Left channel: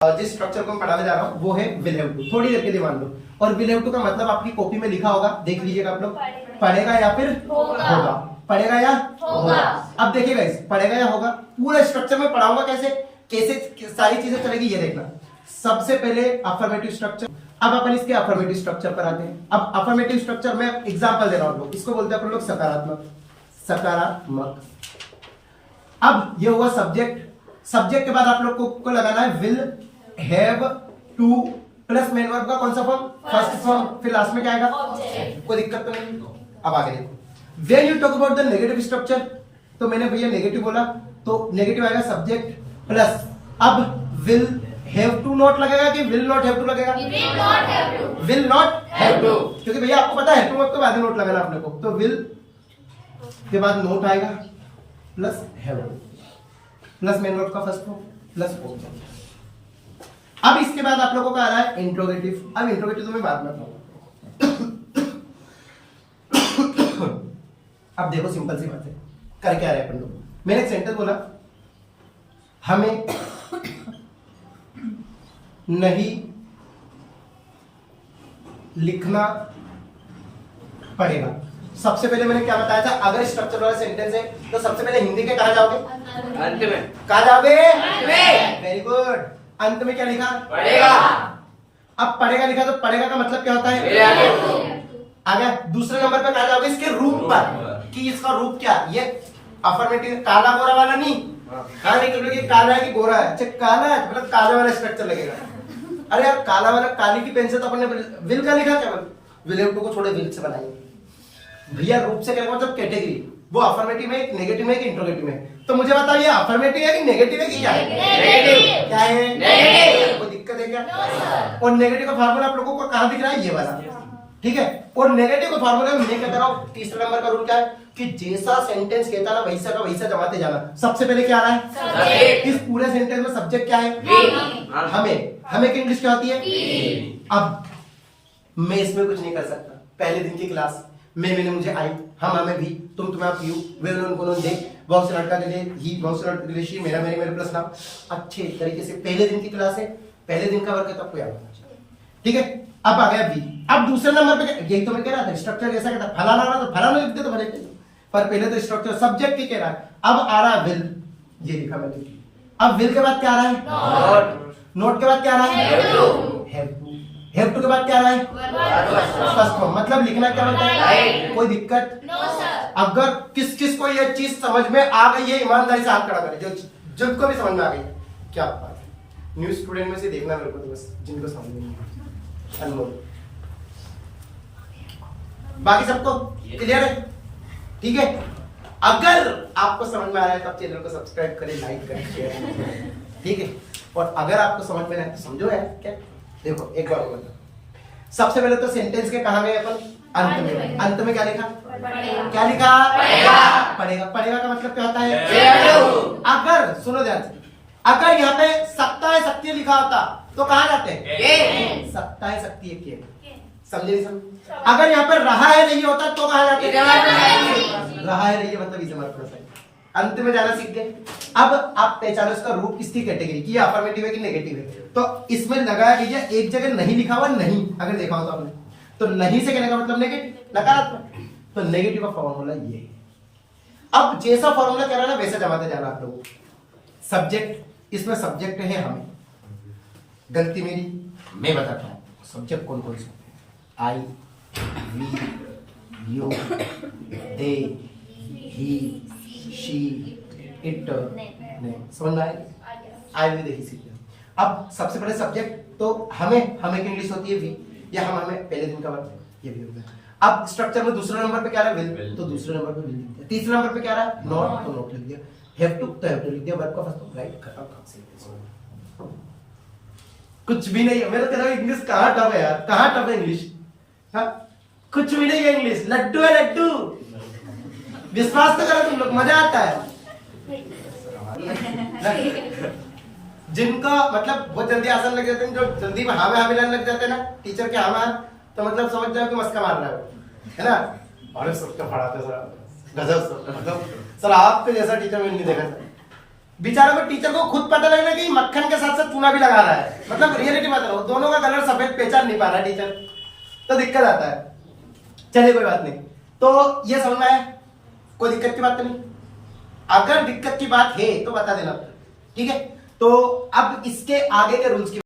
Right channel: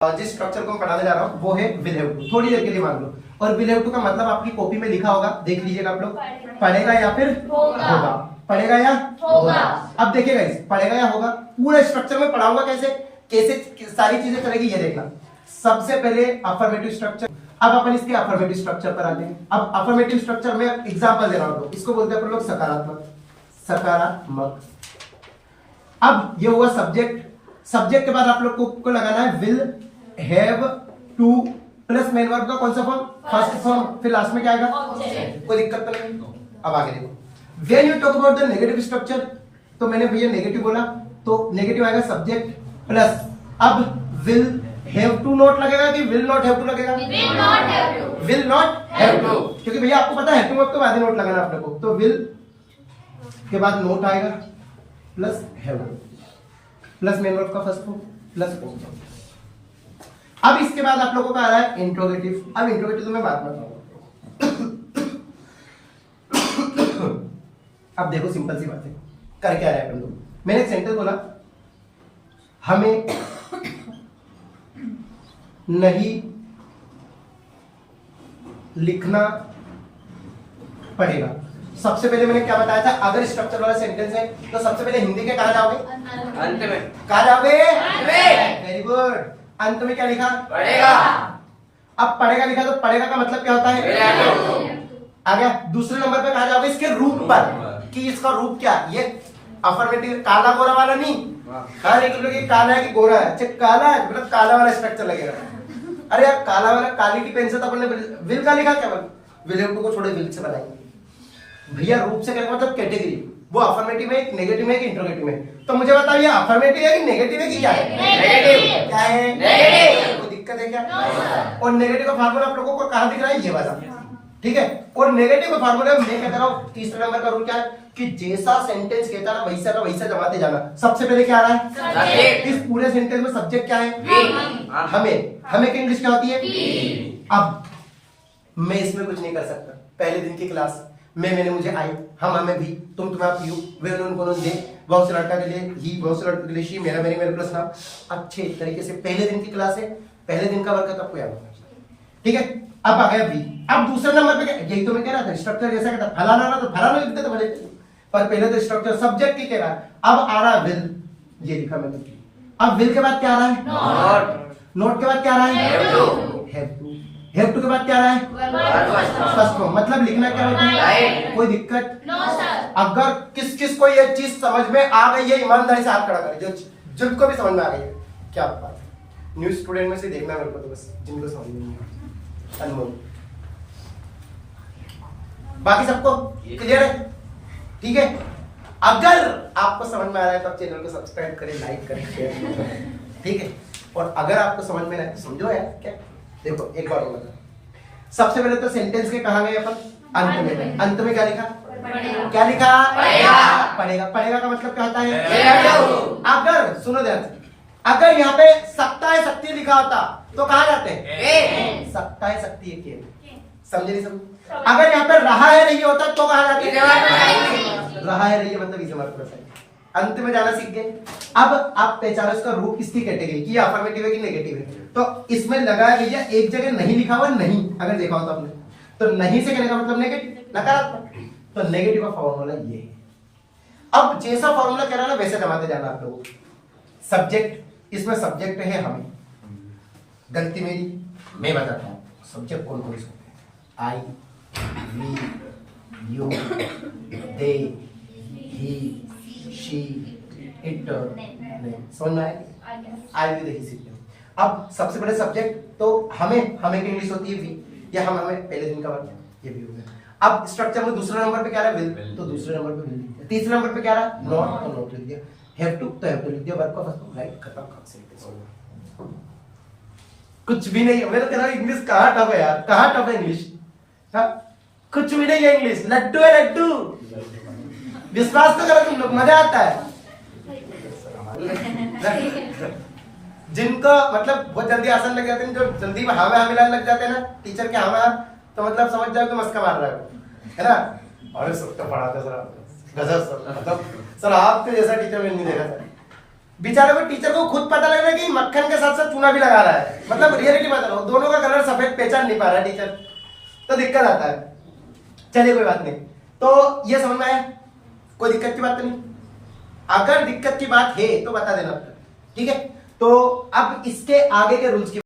जिस स्ट्रक्चर को मैं पढ़ाने जा रहा हूँ वो है विल हैव टू। थोड़ी देर के लिए मान लो। और विल हैव टू का मतलब आपकी कॉपी में लिखा होगा, देख लीजिएगा आप लोग। पढ़ेगा या फिर होगा, पढ़ेगा या होगा। अब देखिएगा इस पढ़ेगा या होगा पूरा स्ट्रक्चर में पढ़ाऊंगा कैसे कैसे सारी चीजें चलेगी ये देखना। सबसे पहले अफर्मेटिव स्ट्रक्चर। अब अपन इसके अफर्मेटिव स्ट्रक्चर पर आते हैं। अब अफर्मेटिव स्ट्रक्चर में एग्जांपल दे रहा हूं, इसको बोलते हैं अपन लोग सकारात्मक। सकारात्मक। अब ये हुआ सब्जेक्ट। सब्जेक्ट के बाद आप लोग को लगाना है will have two plus main verb का कौन सा फॉर्म? First form. फिर लास्ट में क्या आएगा? कोई दिक्कत तो नहीं। अब आगे देखो, when you talk about the negative structure, तो मैंने भैया नेगेटिव बोला तो नेगेटिव आएगा सब्जेक्ट प्लस। अब विल हैव टू नॉट लगेगा कि विल नॉट हैव टू लगेगा? विल नॉट हैव टू, क्योंकि भैया आपको पता है टू तो बाद में नोट लगाना अपने को, तो विल के बाद नोट आएगा plus have two plus main verb का फर्स्ट फॉर्म प्लस ओ। अब इसके बाद आप लोगों का आ रहा है इंट्रोगेटिव। अब इंट्रोगेटिव तो मैं बाद में बताऊंगा। अब देखो सिंपल सी बात है, कर क्या रहा है अपन लोग। मैंने एक सेंटेंस बोला, हमें नहीं लिखना पड़ेगा। सबसे पहले मैंने क्या बताया था, अगर स्ट्रक्चर वाला सेंटेंस है तो सबसे पहले हिंदी के कहा जाओगे? अंत में। कहा जाओगे? Very good. अंत में क्या लिखा? पढ़ेगा। अब पढ़ेगा लिखा तो पढ़ेगा का मतलब क्या होता है? आ गया। दूसरे नंबर पर कहा जाओगे इसके रूप पर, कि इसका रूप क्या? ये अफर्मेटिव काला गोरा वाला नहीं। हाँ नहीं, ये काला है कि गोरा है? अच्छा काला है मतलब काला वाला स्ट्रक्चर लगेगा। अरे यार काला वाला, काली की पेन से तो अपन ने विल का लिखा क्या? विल हैव टू को छोड़े विल से बनाएंगे भैया। रूप से कहने मतलब कैटेगरी, वो अफर्मेटिव है, नेगेटिव है कि इंट्रोगेटिव है? तो मुझे बताइए अफर्मेटिव है कि नेगेटिव है कि क्या है? नेगेटिव। क्या है? नेगेटिव। कोई दिक्कत है क्या? और नेगेटिव का फार्मूला आप लोगों को कहां दिख रहा है? ये वाला, ठीक है। और नेगेटिव का फार्मूला मैं कहता हूं तीसरे नंबर का रूल क्या है कि जैसा सेंटेंस कहता ना वैसा का वैसा जमाते जाना। सबसे पहले क्या आ रहा है? इस पूरे सेंटेंस में सब्जेक्ट क्या है? हमें की इंग्लिश क्या होती है? अब मैं इसमें कुछ नहीं कर सकता। पहले दिन की क्लास मैंने मुझे आई, हम हमें भी, तुम तुम्हें आप यू, वे उनको दे, बहुत से लड़का के लिए ही, बहुत से लड़के के लिए शी, मेरा मेरे मेरे प्लस नाम। अच्छे तरीके से पहले दिन की क्लास है, पहले दिन का वर्क है, तब आपको याद होना चाहिए, ठीक है। अब आ गया बी। अब दूसरे नंबर पे यही तो मैं कह रहा था, स्ट्रक्चर जैसा कहता फलाना ना तो फलाना लिखते तो भले, पर पहले तो स्ट्रक्चर सब्जेक्ट की कह रहा है। अब आ रहा विल, ये लिखा मैंने। अब विल के बाद क्या आ रहा है? नोट। नोट के बाद क्या आ रहा है? हैव टू के बाद क्या रहा है? First form. मतलब लिखना क्या होता है? कोई दिक्कत? No sir. अगर किस किस को ये चीज समझ में आ गई है ईमानदारी से हाथ खड़ा करे, जिनको भी समझ में आ गई है। क्या बात है, न्यू स्टूडेंट में से देखना मेरे को, तो बस जिनको समझ में नहीं आया अनमोल, बाकी सबको क्लियर है? ठीक है। अगर आपको समझ में आ रहा है तो आप चैनल को सब्सक्राइब करें, लाइक करें, शेयर करें, ठीक है। और अगर आपको समझ में आए तो समझो है क्या। देखो एक बार बोला, सबसे पहले तो सेंटेंस के कहा गए अपन अंत में। अंत में क्या लिखा? क्या लिखा? पढ़ेगा। पढ़ेगा का मतलब क्या होता है? अगर सुनो ध्यान से, अगर यहाँ पे सकता है शक्ति लिखा होता तो कहाँ जाते? सकता है शक्ति एक, समझे? समझ। अगर यहाँ पे रहा है रही होता तो कहाँ जाते? रहा है रही मतलब इसे मतलब अंत में जाना सीख गए। अब आप पहचानो इसका रूप किसकी कैटेगरी की, अफर्मेटिव है कि नेगेटिव है। तो इसमें लगाया गया एक जगह नहीं लिखा हुआ, नहीं, अगर देखा हो तो आपने, तो नहीं से कहने का मतलब नेगेटिव, नकारात्मक। तो नेगेटिव का फॉर्मूला ये है। अब जैसा फॉर्मूला कह रहा है ना वैसे जमाते जाना आप लोगों। सब्जेक्ट, इसमें सब्जेक्ट है हम, गलती मेरी, मैं बताता हूँ सब्जेक्ट कौन कौन से I, we, you, they, he, she, it, नहीं समझ में आए? आई भी देखी सीखते हैं। अब सबसे बड़े सब्जेक्ट तो हमें की इंग्लिश होती है वी, या हम हमें पहले दिन का वर्क, ये भी होता है। अब स्ट्रक्चर में दूसरे नंबर पे क्या रहा? विल, तो दूसरे नंबर पे विल लिख दिया। तीसरे नंबर पे क्या रहा? नॉट, तो नॉट लिख दिया। हैव टू, तो हैव टू लिख दिया। वर्ब का फर्स्ट राइट, खत्म। कुछ भी नहीं। मैंने कहा इंग्लिश कहाँ टफ है यार, कहाँ टफ है इंग्लिश? कुछ भी नहीं है इंग्लिश, लड्डू है लड्डू। विश्वास तो करो तुम लोग, मजा आता है। जिनको मतलब बहुत जल्दी आसान लग जाते हैं, जो जल्दी में हाँ में हाँ मिलाने लग जाते हैं ना टीचर के हाँ में, तो मतलब समझ जाओ कि मस्का मार रहा है ना। अरे सब तो पढ़ाते सर, गजब सर, मतलब सर आपके जैसा टीचर मैंने नहीं देखा था। बेचारा को टीचर को खुद पता लग रहा है कि मक्खन के साथ साथ चूना भी लगा रहा है, मतलब रियलिटी बता रहा हूं, दोनों का कलर सफेद पहचान नहीं पा रहा टीचर, तो दिक्कत आता है। चलिए कोई बात नहीं, तो ये समझ में आया, कोई दिक्कत की बात तो नहीं। अगर दिक्कत की बात है तो बता देना, ठीक है। तो अब इसके आगे के रूल्स की